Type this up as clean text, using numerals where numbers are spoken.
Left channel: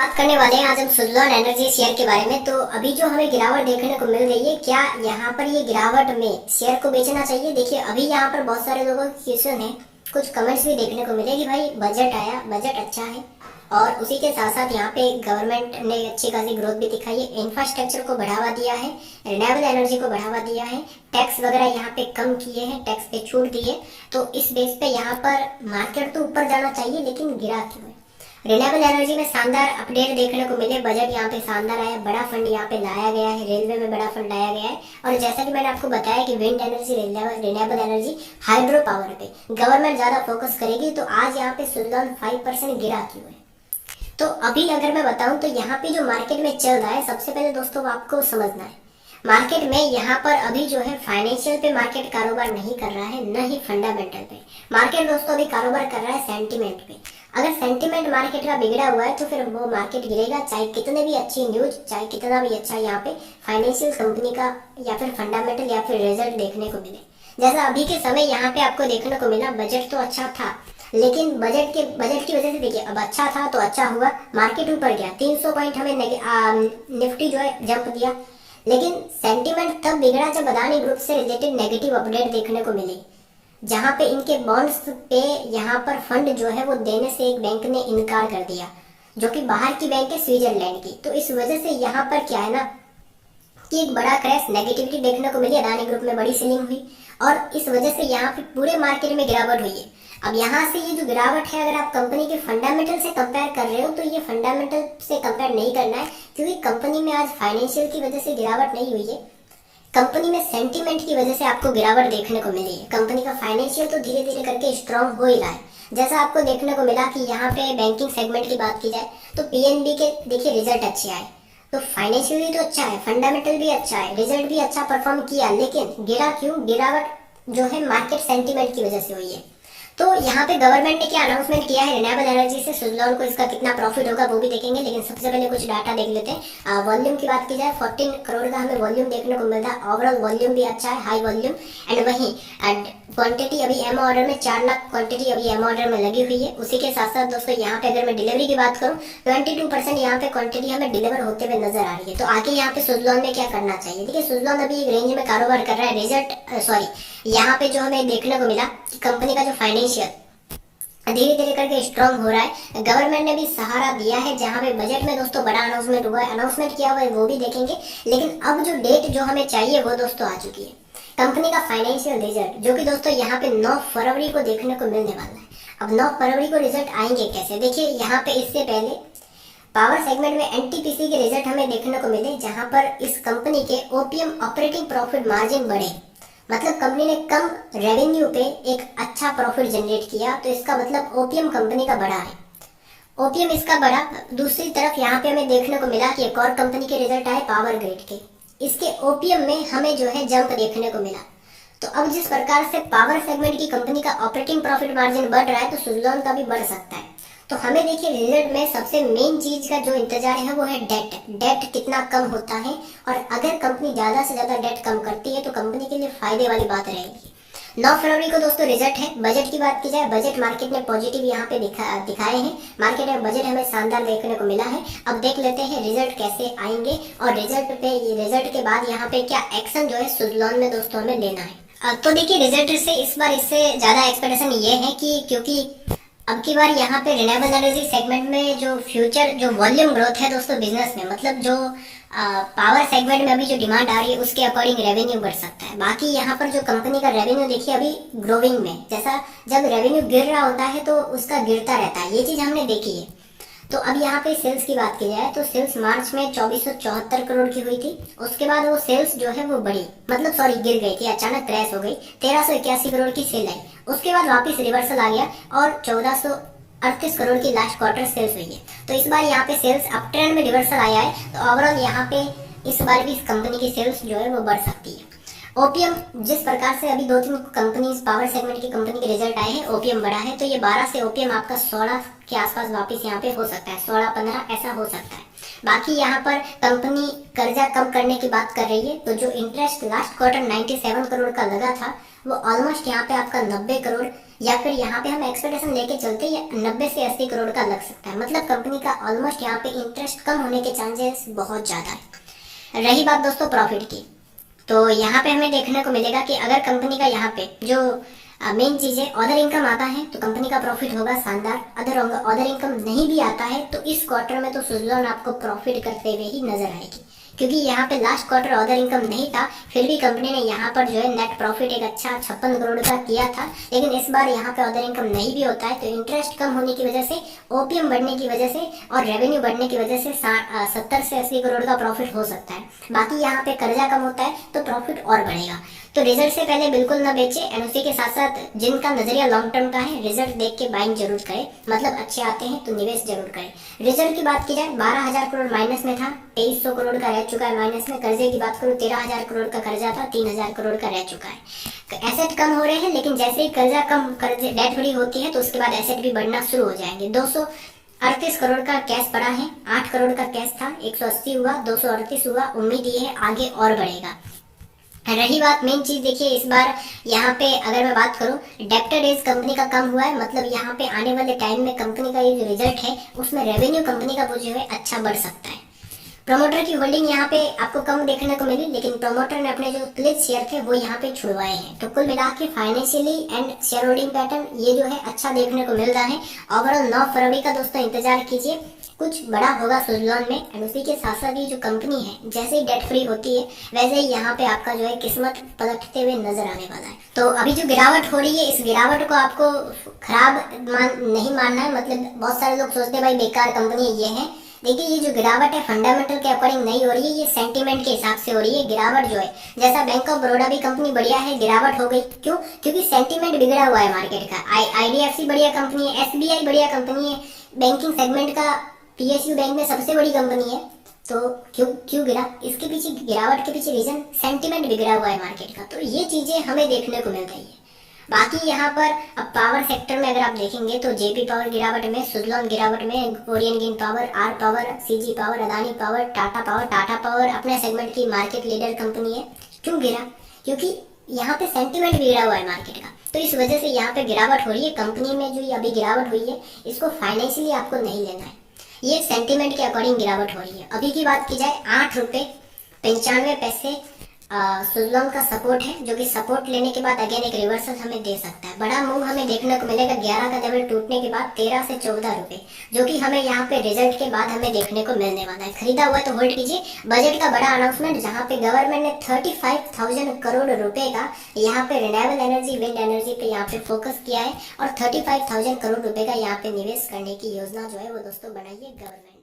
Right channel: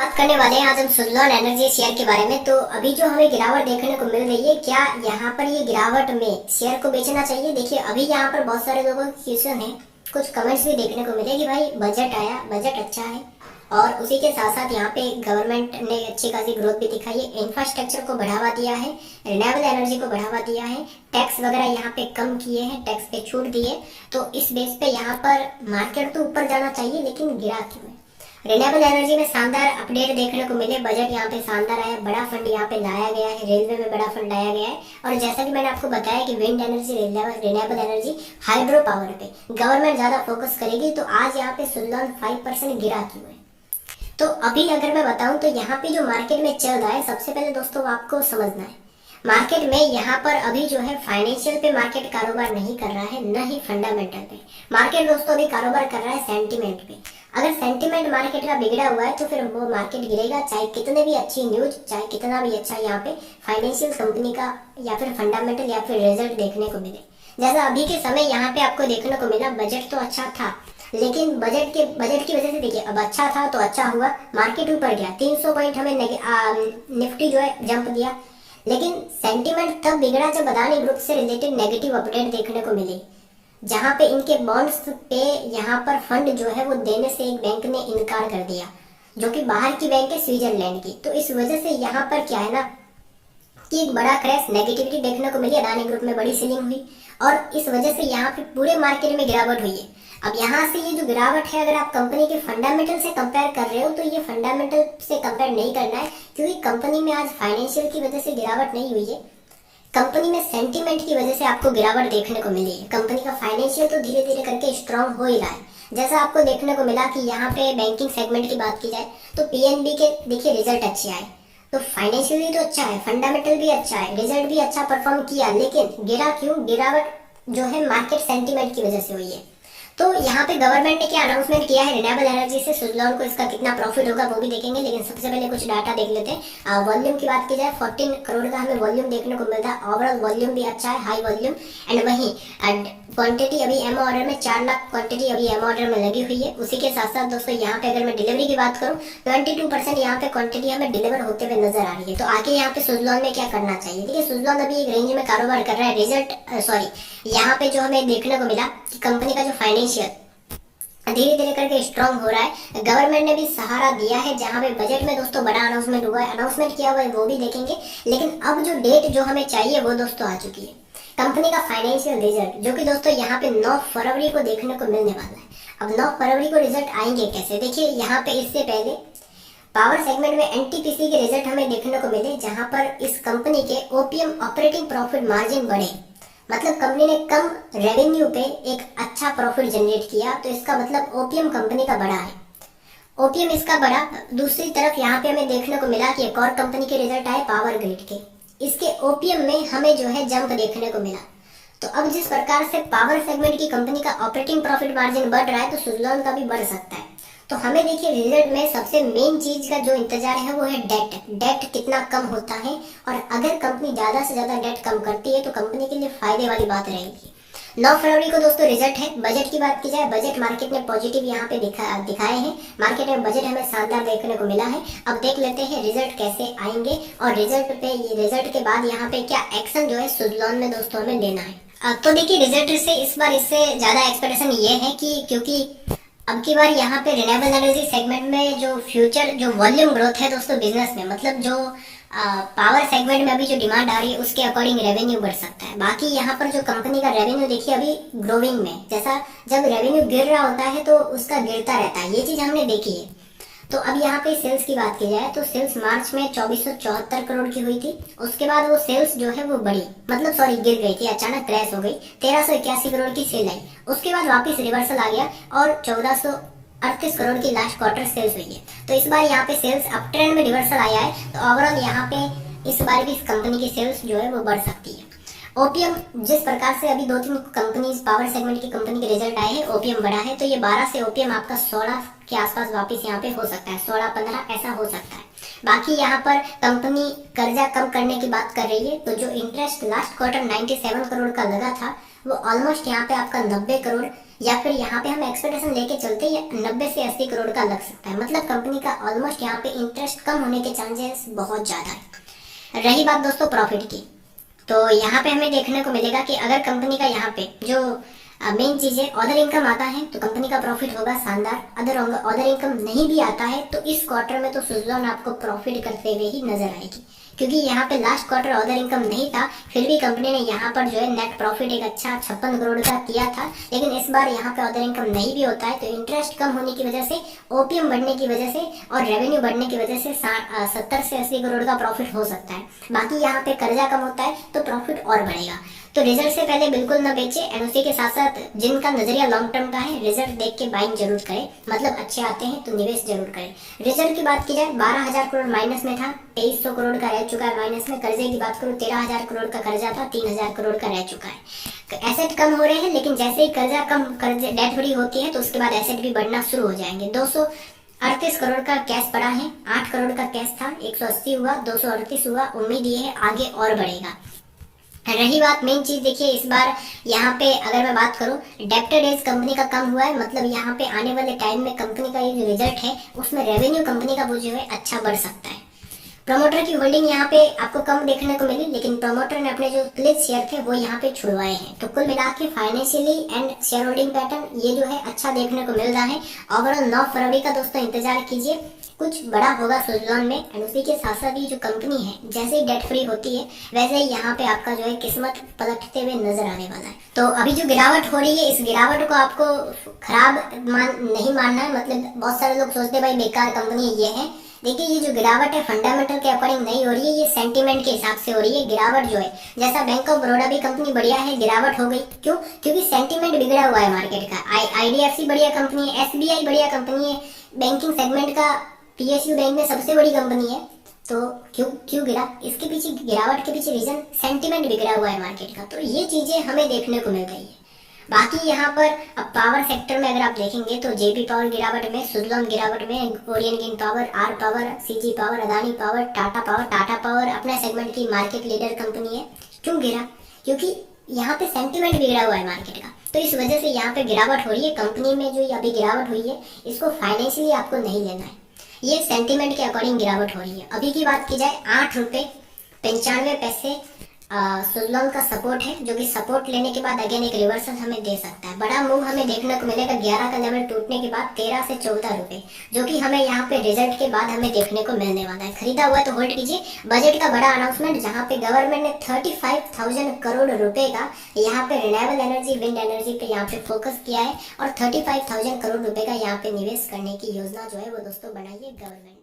बात करने वाले हैं आज हम सुज़लॉन एनर्जी शेयर के बारे में। तो अभी जो हमें गिरावट देखने को मिल रही है, क्या यहाँ पर ये गिरावट में शेयर को बेचना चाहिए? देखिए अभी यहाँ पर बहुत सारे लोगों की क्वेश्चन है, कुछ कमेंट्स भी देखने को मिले कि भाई बजट आया, बजट अच्छा है और उसी के साथ साथ यहाँ पे गवर्नमेंट ने अच्छी खासी ग्रोथ भी दिखाई है, इंफ्रास्ट्रक्चर को बढ़ावा दिया है, रिन्यूएबल एनर्जी को बढ़ावा दिया है, टैक्स वगैरह यहाँ पे कम किए हैं, टैक्स पे छूट दी है। तो इस बेस पे यहाँ पर मार्केट तो ऊपर जाना चाहिए, लेकिन गिरा क्यों है? रिन्यूएबल एनर्जी में शानदार अपडेट देखने को मिले, बजट यहाँ पे शानदार आया, बड़ा फंड यहाँ पे लाया गया है, रेलवे में बड़ा फंड लाया गया है। और जैसा कि मैंने आपको बताया कि wind energy, renewable energy, hydro power पे गवर्नमेंट ज़्यादा फोकस करेगी। तो आज यहाँ पे सुज़लॉन 5% गिरा क्यों है? तो अभी अगर मैं बताऊं तो यहाँ पे जो मार्केट में चल रहा है, सबसे पहले दोस्तों आपको समझना है मार्केट में यहाँ पर अभी जो है फाइनेंशियल पे मार्केट कारोबार नहीं कर रहा है, न ही फंडामेंटल पे। मार्केट दोस्तों अभी कारोबार कर रहा है सेंटीमेंट पे। अगर सेंटीमेंट मार्केट का बिगड़ा हुआ है तो फिर वो मार्केट गिरेगा, चाहे कितने भी अच्छी न्यूज, चाहे कितना भी अच्छा यहाँ पे फाइनेंशियल कंपनी का या फिर फंडामेंटल या फिर रिजल्ट देखने को मिले। जैसा अभी के समय यहाँ पे आपको देखने को मिला, बजट तो अच्छा था, लेकिन बजट की वजह से देखिए अब अच्छा था तो अच्छा हुआ, मार्केट ऊपर गया, 300 पॉइंट हमें निफ्टी जो है जंप दिया। लेकिन सेंटीमेंट तब बिगड़ा जब अदानी ग्रुप से रिलेटेड नेगेटिव अपडेट देखने को मिली, जहां पे इनके बॉन्ड्स पे यहाँ पर फंड जो है वो देने से एक बैंक ने इनकार कर दिया, जो कि बाहर की बैंक है स्विट्जरलैंड की। तो इस वजह से यहाँ पर क्या है ना कि एक बड़ा क्रैश, नेगेटिविटी देखने को मिली, अदानी ग्रुप में बड़ी सेलिंग हुई और इस वजह से यहाँ पे पूरे मार्केट में गिरावट हुई है। अब यहाँ से ये जो गिरावट है, अगर आप कंपनी के फंडामेंटल से कंपेयर कर रहे हो तो ये फंडामेंटल से कंपेयर नहीं करना है, क्योंकि कंपनी में आज फाइनेंशियल की वजह से गिरावट नहीं हुई है, कंपनी में सेंटीमेंट की वजह से आपको गिरावट देखने को मिली है। कंपनी का फाइनेंशियल तो धीरे धीरे करके स्ट्रांग हो ही रहा है। जैसा आपको देखने को मिला कि यहाँ पे बैंकिंग सेगमेंट की बात की जाए तो पीएनबी के देखिए रिजल्ट अच्छे आए, तो फाइनेंशियली तो अच्छा है, फंडामेंटल भी अच्छा है, रिजल्ट भी अच्छा परफॉर्म किया, लेकिन गिरा क्यों? गिरावट जो है मार्केट सेंटीमेंट की वजह से हुई है। तो यहाँ पे गवर्नमेंट ने क्या अनाउंसमेंट किया है, रिन्यूएबल एनर्जी से सुज़लॉन को इसका कितना प्रॉफिट होगा वो भी देखेंगे, लेकिन सबसे पहले कुछ डाटा देख लेते हैं। वॉल्यूम की बात की जाए 14 करोड़ का हमें वॉल्यूम देखने को मिलता है, ओवरऑल वॉल्यूम भी अच्छा है, हाई वॉल्यूम। एंड वहीं क्वांटिटी अभी एम ऑर्डर में 4 लाख क्वांटिटी अभी एम ऑर्डर में लगी हुई है। उसी के साथ साथ दोस्तों यहाँ पे अगर मैं डिलीवरी की बात करूँ 22% यहाँ पे क्वांटिटी हमें डिलीवर होते हुए नजर आ रही है। तो आगे यहाँ पे सुज़लॉन में क्या करना चाहिए? देखिए सुज़लॉन अभी एक रेंज में कारोबार कर रहा है। यहाँ पे जो हमें देखने को मिला कि कंपनी का जो फाइनेंशियल धीरे धीरे करके स्ट्रांग हो रहा है, गवर्नमेंट ने भी सहारा दिया है, जहां पे बजट में दोस्तों बड़ा अनाउंसमेंट हुआ है, अनाउंसमेंट किया हुआ है वो भी देखेंगे। लेकिन अब जो डेट जो हमें चाहिए वो दोस्तों आ चुकी है, कंपनी का फाइनेंशियल रिजल्ट, जो कि दोस्तों यहाँ पे 9 फरवरी को देखने को मिलने वाला है। अब 9 फरवरी को रिजल्ट आएंगे कैसे? देखिए यहाँ पे इससे पहले पावर सेगमेंट में एनटीपीसी के रिजल्ट हमें देखने को मिले, जहां पर इस कंपनी के ओपीएम ऑपरेटिंग प्रॉफिट मार्जिन बढ़े, मतलब कंपनी ने कम रेवेन्यू पे एक अच्छा प्रॉफिट जनरेट किया। तो इसका मतलब ओपीएम कंपनी का बड़ा है, ओपीएम इसका बड़ा। दूसरी तरफ यहाँ पे हमें देखने को मिला कि एक और कंपनी के रिजल्ट आए पावर ग्रिड के, इसके ओपीएम में हमें जो है जंप देखने को मिला। तो अब जिस प्रकार से पावर सेगमेंट की कंपनी का ऑपरेटिंग प्रॉफिट मार्जिन बढ़ रहा है, तो सुज़लॉन का भी बढ़ सकता है। तो हमें देखिए रिजल्ट में सबसे मेन चीज का जो इंतजार है वो है डेट कितना कम होता है, और अगर कंपनी ज्यादा से ज्यादा डेट कम करती है तो कंपनी के लिए फायदे वाली बात रहेगी। 9 फरवरी को दोस्तों रिजल्ट है। बजट की बात की जाए, बजट मार्केट ने पॉजिटिव यहाँ पे दिखाए हैं, मार्केट में बजट हमें शानदार देखने को मिला है। अब देख लेते हैं रिजल्ट कैसे आएंगे और रिजल्ट के बाद यहाँ पे क्या एक्शन जो है सुज़लॉन में दोस्तों हमें लेना है। तो देखिए रिजल्ट से इस बार इससे ज्यादा एक्सपेक्टेशन ये है कि क्योंकि अब की बार यहाँ पे रिन्यूएबल एनर्जी सेगमेंट में जो फ्यूचर जो वॉल्यूम ग्रोथ है दोस्तों बिजनेस में, मतलब जो पावर सेगमेंट में अभी जो डिमांड आ रही है उसके अकॉर्डिंग रेवेन्यू बढ़ सकता है। बाकी यहाँ पर जो कंपनी का रेवेन्यू देखिए अभी ग्रोविंग में, जैसा जब रेवेन्यू गिर रहा होता है तो उसका गिरता रहता है, ये चीज़ हमने देखी है। तो अब यहाँ पे सेल्स की बात की जाए तो सेल्स मार्च में 2474 करोड़ की हुई थी, उसके बाद वो सेल्स जो है वो बढ़ी, मतलब सॉरी गिर गई थी, अचानक क्रैश हो गई, 1381 करोड़ की सेल आई, उसके बाद वापस रिवर्सल आ गया और 1438 करोड़ की लास्ट क्वार्टर सेल्स हुई है। तो इस बार यहाँ पे सेल्स अप ट्रेंड में रिवर्सल आया है, तो ओवरऑल यहाँ पे इस बार भी इस कंपनी की सेल्स जो है वो बढ़ सकती है। ओपीएम जिस प्रकार से अभी 2-3 कंपनीज पावर सेगमेंट की कंपनी के रिजल्ट आए हैं, ओपीएम बढ़ा है, तो ये 12 से ओपीएम आपका 16 के आसपास वापस यहाँ पे हो सकता है, 16-15 ऐसा हो सकता है। बाकी यहाँ पर कंपनी कर्जा कम करने की बात कर रही है, तो जो इंटरेस्ट लास्ट क्वार्टर 97 करोड़ का लगा था वो ऑलमोस्ट यहाँ पे आपका 90 करोड़ या फिर यहाँ पे हम एक्सपेक्टेशन लेके चलते या 90 से 80 करोड़ का लग सकता है। मतलब कंपनी का ऑलमोस्ट यहाँ पे इंटरेस्ट कम होने के चांसेस बहुत ज़्यादा है। रही बात दोस्तों प्रॉफिट की, तो यहाँ पे हमें देखने को मिलेगा कि अगर कंपनी का यहाँ पे जो मेन चीज़ है अदर इनकम आता है तो कंपनी का प्रॉफिट होगा शानदार। अदर इनकम नहीं भी आता है तो इस क्वार्टर में तो सुज़लॉन आपको प्रॉफिट करते हुए ही नजर आएगी, क्योंकि यहाँ पे लास्ट क्वार्टर अदर इनकम नहीं था, फिर भी कंपनी ने यहाँ पर जो है नेट प्रॉफिट एक अच्छा 56 करोड़ का किया था। लेकिन इस बार यहाँ पे अदर इनकम नहीं भी होता है तो इंटरेस्ट कम होने की वजह से, ओपीएम बढ़ने की वजह से और रेवेन्यू बढ़ने की वजह से 70 से 80 करोड़ का प्रॉफिट हो सकता है। बाकी यहाँ पे कर्जा कम होता है तो प्रॉफिट और बढ़ेगा। तो रिजल्ट से पहले बिल्कुल ना बेचे, एंड उसी के साथ साथ जिनका नजरिया लॉन्ग टर्म का है रिजल्ट देख के बाइंग जरूर करें, मतलब अच्छे आते हैं तो निवेश जरूर करें। रिजल्ट की बात की जाए 12,000 करोड़ माइनस में था, 2300 करोड़ का रह चुका है माइनस में। कर्जे की बात करूँ 13,000 करोड़ का कर्जा था, 3,000 करोड़ का रह चुका है। एसेट कम हो रहे हैं, लेकिन जैसे ही कर्जे डेट फ्री होती है तो उसके बाद एसेट भी बढ़ना शुरू हो जाएंगे। 238 करोड़ का कैश पड़ा है, 8 करोड़ का कैश था, 180 हुआ, 238 हुआ, उम्मीद ये है आगे और बढ़ेगा। रही बात मेन चीज, देखिए इस बार यहाँ पे अगर मैं बात करूँ डेब्टर डेज कंपनी का कम हुआ है, मतलब यहाँ पे आने वाले टाइम में कंपनी का ये जो रिजल्ट है उसमें रेवेन्यू कंपनी का वो जो है अच्छा बढ़ सकता है। प्रमोटर की होल्डिंग यहाँ पे आपको कम देखने को मिली, लेकिन प्रमोटर ने अपने जो प्लेज शेयर थे वो यहाँ पे छुड़वाए हैं। तो कुल मिला के financially and share holding pattern ये जो है अच्छा देखने को मिल रहा है। ओवरऑल 9 फरवरी का दोस्तों इंतजार कीजिए, कुछ बड़ा होगा सुज़लॉन में। एंड उसी के साथ साथ ये जो कंपनी है जैसे ही डेट फ्री होती है वैसे ही यहाँ पे आपका जो है किस्मत पलटते हुए नजर आने वाला है। तो अभी जो गिरावट हो रही है इस गिरावट को आपको खराब नहीं मानना है। मतलब बहुत सारे लोग सोचते हैं भाई बेकार कंपनी ये है, देखिए ये जो गिरावट है फंडामेंटल के अकॉर्डिंग नहीं हो रही है, ये सेंटीमेंट के हिसाब से हो रही है। गिरावट जो है जैसा बैंक ऑफ बड़ौदा भी कंपनी बढ़िया है, गिरावट हो गई क्यों? क्योंकि सेंटीमेंट बिगड़ा हुआ है मार्केट का। आईडीएफसी बढ़िया कंपनी है, एसबीआई बढ़िया कंपनी है, बैंकिंग सेगमेंट का पीएसयू बैंक में सबसे बड़ी कंपनी है, तो क्यों गिरा? इसके पीछे गिरावट के पीछे रीजन सेंटीमेंट बिगड़ा हुआ है मार्केट का। तो ये चीजें हमें देखने को मिल रही है। बाकी यहाँ पर अब पावर सेक्टर में अगर आप देखेंगे तो जेपी पावर गिरावट में, सुज़लॉन गिरावट में, Orient green power, R power, CG power, Adani power, Tata power अपने सेगमेंट की मार्केट लीडर कंपनी है। क्यों गिरा? क्योंकि यहाँ पे सेंटीमेंट बिगड़ा हुआ है मार्केट का, तो इस वजह से यहाँ पे गिरावट हो रही है। कंपनी में जो अभी गिरावट हुई है इसको फाइनेंशियली आपको नहीं लेना है, ये सेंटीमेंट के अकॉर्डिंग गिरावट हो रही है। अभी की बात की जाए 8 रुपये 95 पैसे सुज़लॉन का सपोर्ट है, जो कि सपोर्ट लेने के बाद अगेन एक रिवर्सल हमें दे सकता है। बड़ा मूव हमें देखने को मिलेगा 11 का लेवल टूटने के बाद 13 से 14 रुपए, जो कि हमें यहाँ पे रिजल्ट के बाद हमें देखने को मिलने वाला है। खरीदा हुआ तो होल्ड कीजिए। बजट का बड़ा अनाउंसमेंट जहाँ पे गवर्नमेंट ने 35,000 करोड़ रुपए का यहाँ पे रिन्यूएबल एनर्जी, विंड एनर्जी पे यहाँ पे फोकस किया है और 35,000 करोड़ रुपए का यहाँ पे निवेश करने की योजना जो है वो दोस्तों बनाई है गवर्नमेंट।